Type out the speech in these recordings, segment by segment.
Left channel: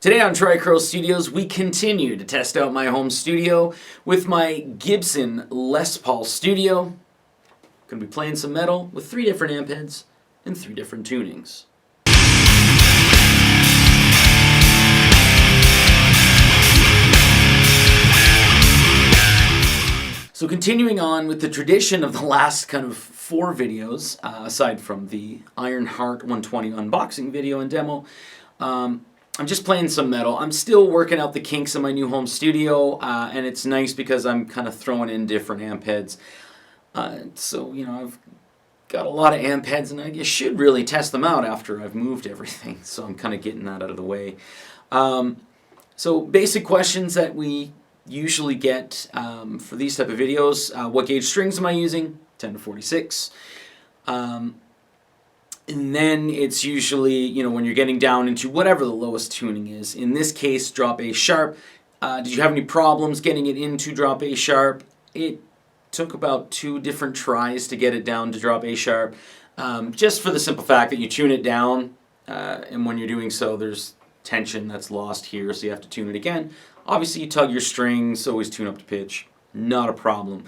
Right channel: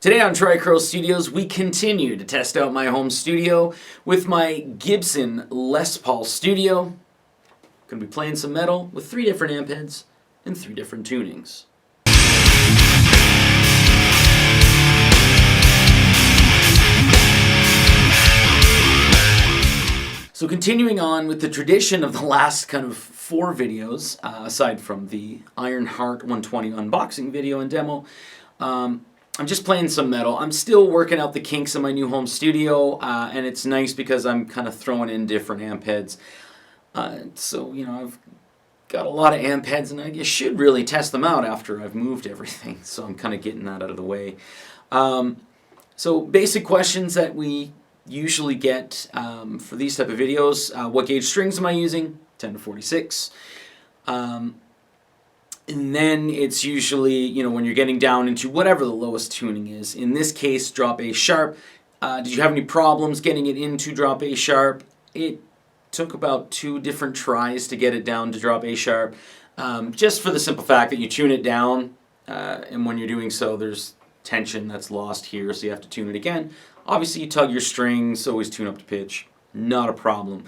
Today on Tricrow Studios, we continue to test out my home studio with my Gibson Les Paul Studio. Gonna be playing some metal with 3 different amp heads and 3 different tunings. So continuing on with the tradition of the last kind of 4 videos, aside from the Ironheart 120 unboxing video and demo, I'm just playing some metal. I'm still working out the kinks in my new home studio, and it's nice because I'm kind of throwing in different amp heads. So, you know, I've got a lot of amp heads, and I should really test them out after I've moved everything. So I'm kind of getting that out of the way. So basic questions that we usually get for these type of videos. What gauge strings am I using? 10 to 46. And then it's usually, you know, when you're getting down into whatever the lowest tuning is. In this case, drop A sharp. Did you have any problems getting it into drop A sharp? It took about 2 different tries to get it down to drop A sharp. Just for the simple fact that you tune it down, and when you're doing so, there's tension that's lost here, so you have to tune it again. Obviously, you tug your strings, always tune up to pitch. Not a problem.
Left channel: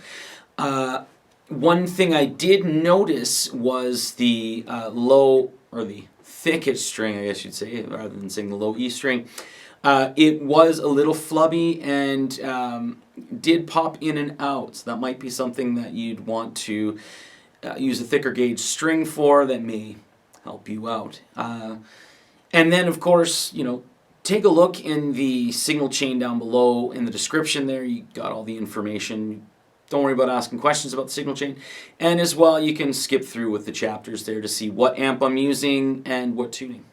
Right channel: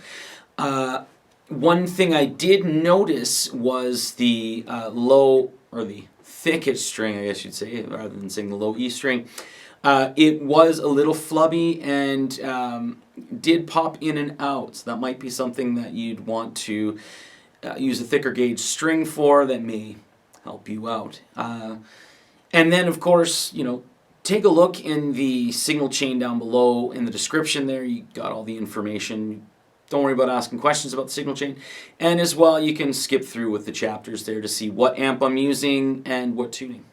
One thing I did notice was the low, or the thickest string, I guess you'd say, rather than saying the low E string. It was a little flubby and did pop in and out. So that might be something that you'd want to use a thicker gauge string for that may help you out. And then, of course, you know, take a look in the signal chain down below in the description there. You got all the information. Don't worry about asking questions about the signal chain. And as well, you can skip through with the chapters there to see what amp I'm using and what tuning.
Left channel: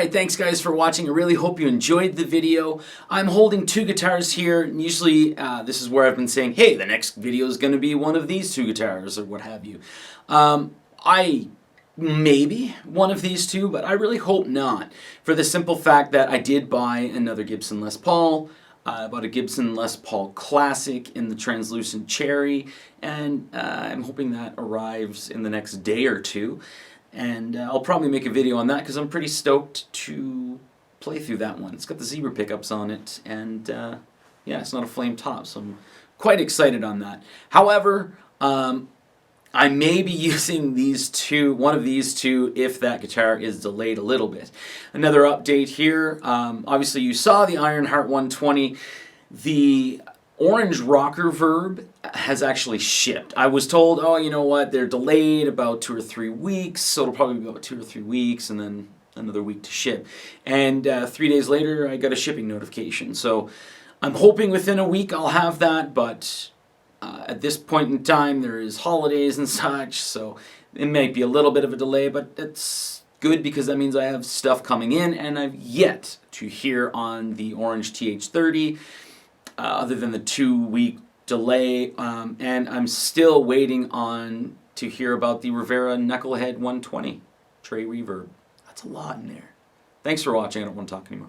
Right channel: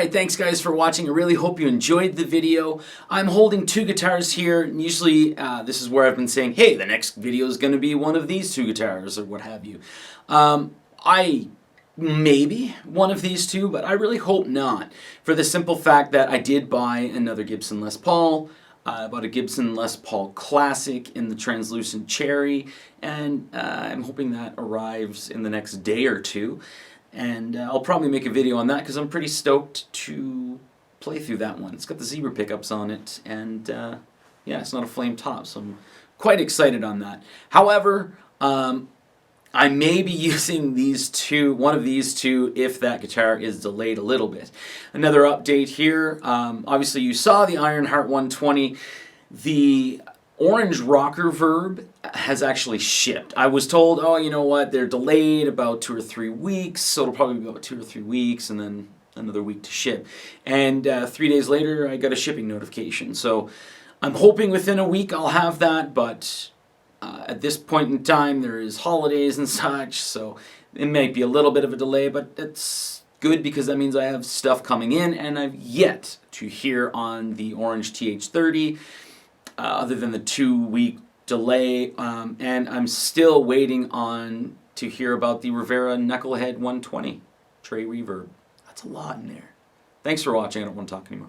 Alright, thanks guys for watching. I really hope you enjoyed the video. I'm holding two guitars here, and usually this is where I've been saying, hey, the next video is going to be one of these two guitars, or what have you. Maybe one of these two, but I really hope not, for the simple fact that I did buy another Gibson Les Paul. I bought a Gibson Les Paul Classic in the translucent cherry, and I'm hoping that arrives in the next day or two. And I'll probably make a video on that because I'm pretty stoked to play through that one. It's got the zebra pickups on it, and yeah, it's not a flame top, so I'm quite excited on that. However, I may be using one of these two, if that guitar is delayed a little bit. Another update here. Obviously, you saw the Ironheart 120. The orange rocker verb has actually shipped. I was told, oh, you know what, they're delayed about 2 or 3 weeks, so it'll probably be about 2 or 3 weeks, and then another week to ship. And 3 days later, I got a shipping notification. So I'm hoping within a week I'll have that, but at this point in time, there is holidays and such, so it might be a little bit of a delay, but it's good because that means I have stuff coming in, and I've yet to hear on the Orange TH30, other than the 2-week delay, and I'm still waiting to hear about the Rivera Knucklehead 120 Tray Reverb. That's a lot in there. Thanks for watching. I don't want to talk anymore.